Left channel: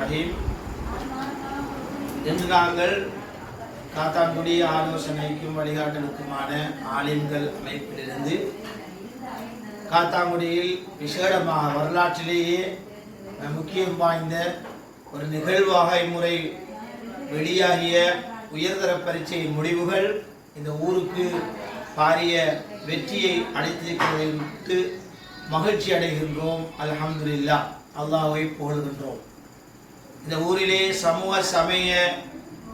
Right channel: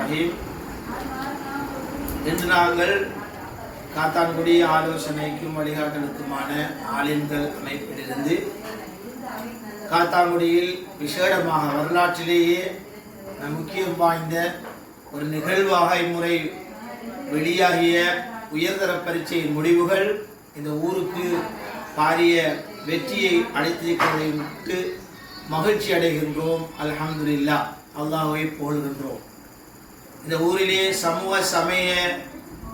ரஹீம். இன்று நாங்கள் காத்தான்குடி ஆலோசனைக்கும் வழிகாட்டலுக்குமான ஆலிம்கள் அமைப்பிலிருந்து காத்தான்குடியில் விசேடமாக வரலாற்றிலேயே முக்கியம் வாய்ந்த ஒரு நிகழ்வாக இம்முறை வெளியாகிய உயர்தர பரீட்சையின் முடிவுகள் இந்த ஊருக்கு பாரிய வெற்றியை அளித்திருப்பதற்கு மகிழ்ச்சி அடைகின்றோம். அல்ஹம்துலில்லாஹ், அல்லாஹ்வை புகழ்கின்றோம். இந்த ஊரிலே சமூக சமய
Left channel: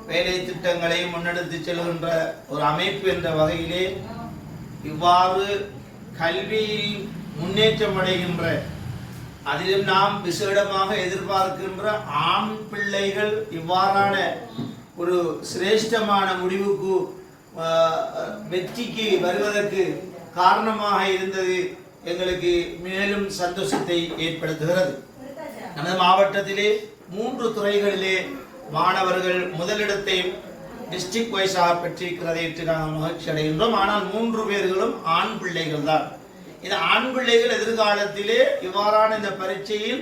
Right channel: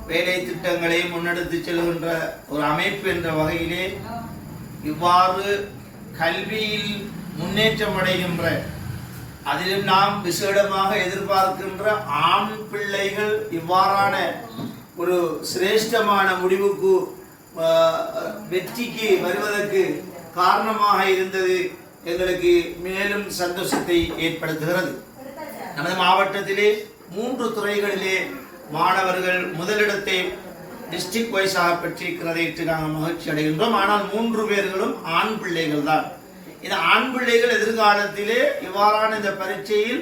வேலை திட்டங்களை முன்னெடுத்து செல்கின்ற ஒரு அமைப்பு என்ற வகையிலே இவ்வாறு கல்வியில் முன்னேற்றம் அடைகின்ற, அதிலும் நாம் விசேடமாக எதிர்பார்க்கின்ற ஆண் பிள்ளைகள் இவ்வாறான ஒரு சிரேஷ்டமான முடிவுக்கு வெற்றிக்கு வருவதற்கு காரணமாக இருந்தது எங்களுக்கு மேலும் சந்தோஷத்தை ஏற்படுத்துகிறது. நமது மாவட்டத்திலே 3 துறைகளிலே மாணவர்கள் முதலிடத்தை டிஸ்ட்ரிக்ட் வைஸாக பெற்றிருக்கிறதை நாங்கள் மகிழ்ச்சி அடைகின்றோம். ஆனால் 3 பேர்களும் ஆண் பிள்ளைகள் தான். இந்த ஆண் பிள்ளைகள் எதிர்காலத்திலே இவ்வாறான இந்த பரீட்சையில்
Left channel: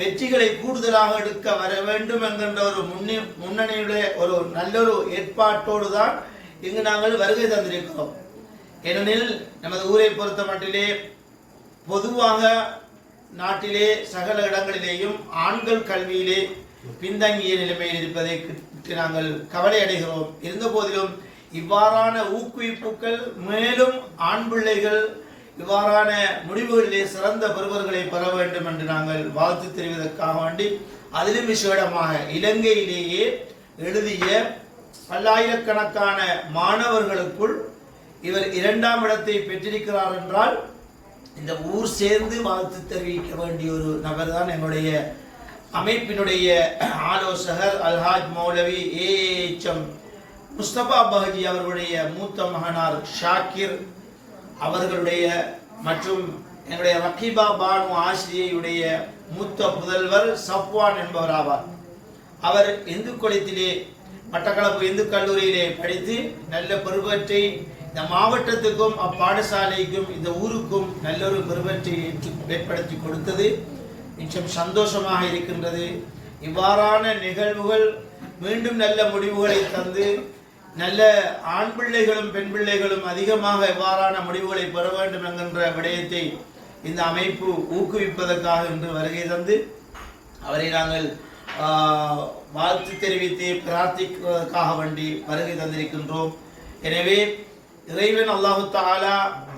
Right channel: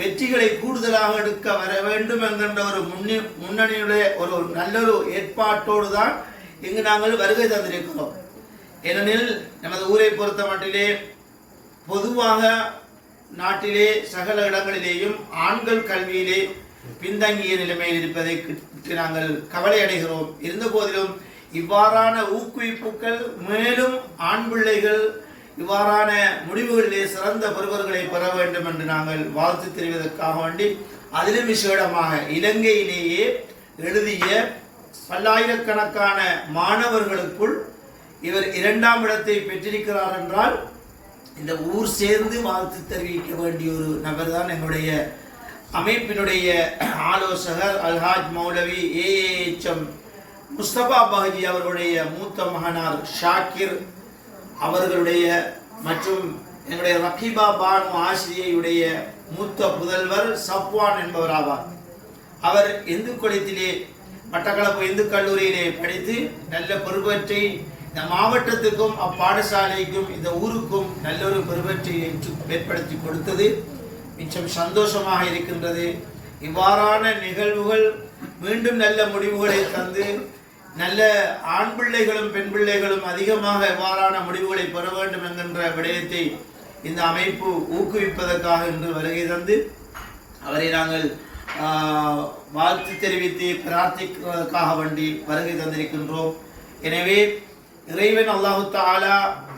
வெற்றிகளை கூடுதலாக எடுக்க வர வேண்டும் என்கின்ற ஒரு முன்னணியுடைய ஒரு நல்லொரு ஏற்பாட்டோடு தான் இங்கு நாங்கள் வருகை தந்திருக்கிறோம். ஏனெனில் நமது ஊரை பொறுத்த மட்டிலே பொதுவாக நாட்டிலே சகல இடங்களிலேயும் ஆண்கள் கல்வியிலே பின்தங்கிய நிலைமையில் இருப்பதை நாங்கள் கவலை அடைகிறோம். இருந்த போதிலும் இவ்வாறான ஊக்குவிப்புகள் மேலும் ஆண் பிள்ளைகள் இவ்வாறான முடிவுகளிலே சிறந்த பெறுவர்களை பெற வேண்டும் என்று நாங்கள் வாழ்த்து தெரிவதற்காக வேண்டி, அதிலும் விசேடமாக இலங்கையிலேயே எழுதிய பல்லாயிரக்கணக்கான மாணவர்களுக்குள் இவர் 2ஆம் இடத்தை பெற்றிருக்கிறார் என்றால் இந்த ஊர் சேர்ந்து வாழ்த்து தெரிவிக்க வேண்டிய ஒரு நபர் தான் எங்களுடைய அமைப்பினுடைய ஆலோசகர் அல்ஹாஜ் மௌலவி ஏஎச்எம் முஸ்தபா பஹஜி அவர்களுடைய மூத்த மகனார் ஷாக்கிர் அவர்களுடைய மற்றும் எங்களுடைய ரகீபா பானு ஆசிரியருடைய மூத்த புதல்வர் சப்வான் என்பவர் ஆவார். அவர் இந்து குலத்திலே மட்டக்களப்பு இந்து கல்லூரியிலே படித்து நல்ல பெருவற்றை இந்த மாவட்டத்துக்கும் அப்பாடசாலைக்கும் இந்த ஊருக்கும் நல்ல ஒரு பெருவற்றை ஏற்படுத்தி கொடுத்தது மிச்சம் சந்தோஷமாக இருக்கின்றது. இவ்வாறான நிகழ்வுகள் மீண்டும் நல்ல முடிவுகளை தந்து நல்ல ஆண் பிள்ளைகளும் பெண் பிள்ளைகளும் அதிகமாக இவ்வாறான முடிவுகளை பெற வேண்டும் என்கின்ற விடயத்தை இந்த அமைப்பு ஊக்குவிப்பதற்காக இன்று வருகை தந்து அவரை நாங்கள் வாழ்த்து தெரிவித்து பிரார்த்திப்பதற்காக வேண்டி வருகை தந்திருக்கின்றோம். எனவே இறைவன் அல்லாஹு தஆலா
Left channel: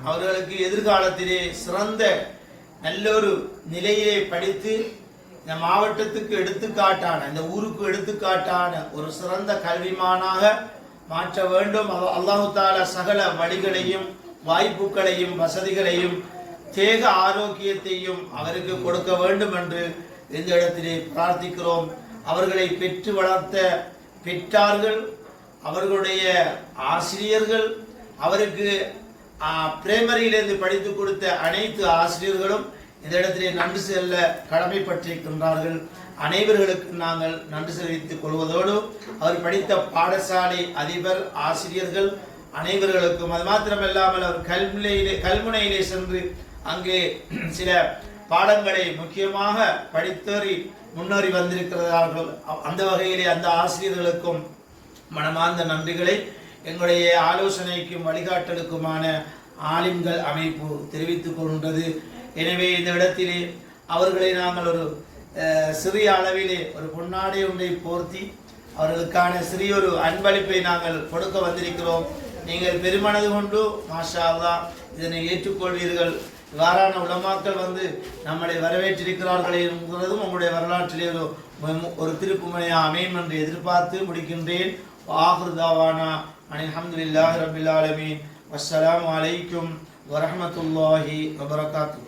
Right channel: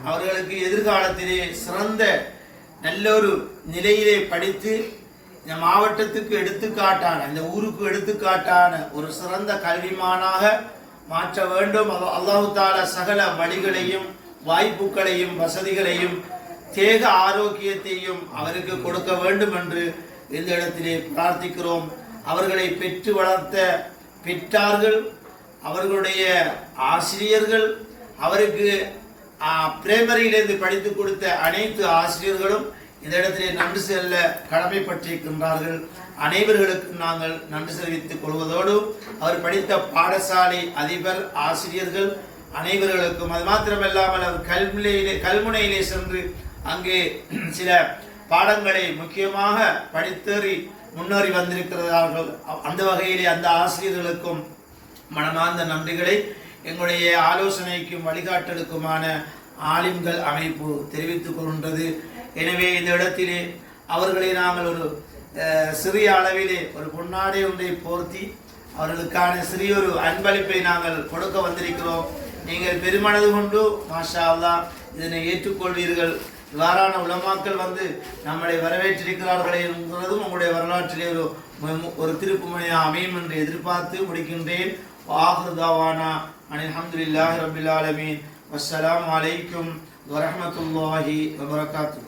அவர்களுக்கு எதிர்காலத்திலே சிறந்த நல்லொரு நிலையிலே படித்து இந்த மாவட்டத்துக்கு எடுத்துக்காட்டான, இந்த ஊருக்கு எடுத்துக்காட்டான ஒரு சிறந்த கல்விமானாக மாற்ற வேண்டும். அல்லாஹு தஆலா சகல வழிகளையும் வாய்ப்புகளையும் வசதிகளையும் தேக ஆரோக்கியத்தையும் அவருக்கு கொடுக்க வேண்டும் என்று இந்த இடத்திலே பிரார்த்திக்கிறோம். அவர்களை பெற்று வளர்த்த பெற்றார்கள், அவர்களுடைய ஆசிரியர்கள், அவருக்கு பிரைமரியிலிருந்து படித்து கொடுத்த அனைத்து ஆசிரியர்களும் இந்த இடத்திலே நன்றி செல்ல கடமைப்பட்டிருக்கின்றார்கள். அனைவர்களுக்கு நாங்கள் நன்றி தெரிவித்துக் கொள்வதோடு அவர் படித்த பாடசாலை அதிபர் ஆசிரியர்கள் அனைவர்களுக்கும், அது மாத்திரமல்லாமல் அவர் கல்முனையிலே சென்று அங்கே சில பாடங்களை முக்கியமாக படித்தேறி முன்னேறி வந்திருக்கிறார்கள். அந்த வகையிலே அந்த ஆசிரியர்களுக்கும் மனமார்ந்த நன்றிகளை எங்களுடைய ஆலோசனைக்கும் வழிகாட்டலுக்குமான ஆலிம்கள் அமைப்பு தெரிவித்துக் கொள்கின்றது. எனவே இந்த இடத்திலே அவர்களை நாங்கள் ஒரு சிறிய அளவிலே ஒரு பொன்னாடை ஒன்றை போர்த்தி அவர்களுக்கான சிறிய ஒரு அன்பளிப்பை நாங்கள் கொடுக்க வந்திருக்கிறோம். நீங்கள் பெருமனது கொண்டு மாஷா அல்லாஹ் இதனை ஏற்றுக்கொள்வீர்கள். இவ்வாறான உலமாக்கள் வந்து நம்மளை வரவேற்றிருக்கிறார்கள் என்கிறதும் உங்களுடைய வரலாற்றிலே ஒரு திருப்புமுனையாக அமையும் என்று எதிர்பார்த்து முடிக்கின்றேன். ஆஹிரு தாவானா அல்ஹம்துலில்லாஹி ரப்பில் ஆலமீன். வஸ்ஸலாமு அலைக்கும் வரஹ்மத்துல்லாஹி வபரகாத்துஹு.